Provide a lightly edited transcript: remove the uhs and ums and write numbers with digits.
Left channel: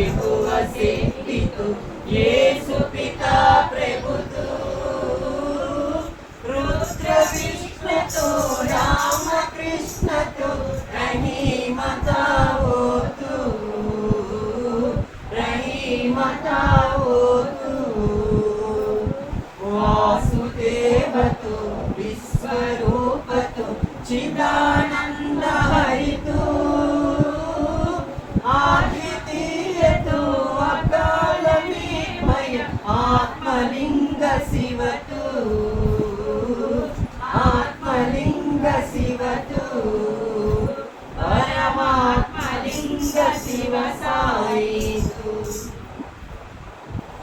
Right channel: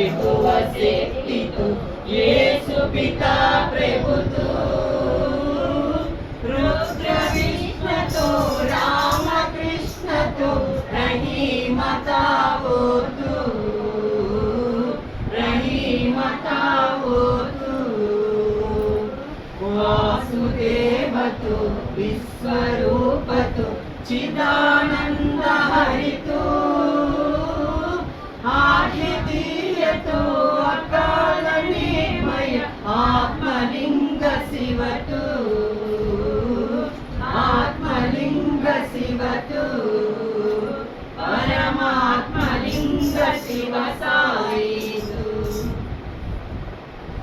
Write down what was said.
यहोवा शक्ति तो येसु पिता प्रभु तो रुद्र विष्णु तो राम कृष्ण तो रहीमता वो तू रहीमता वो तू वासुदेव तो विश्वरूप तो चिदानंद हरि तो आदिति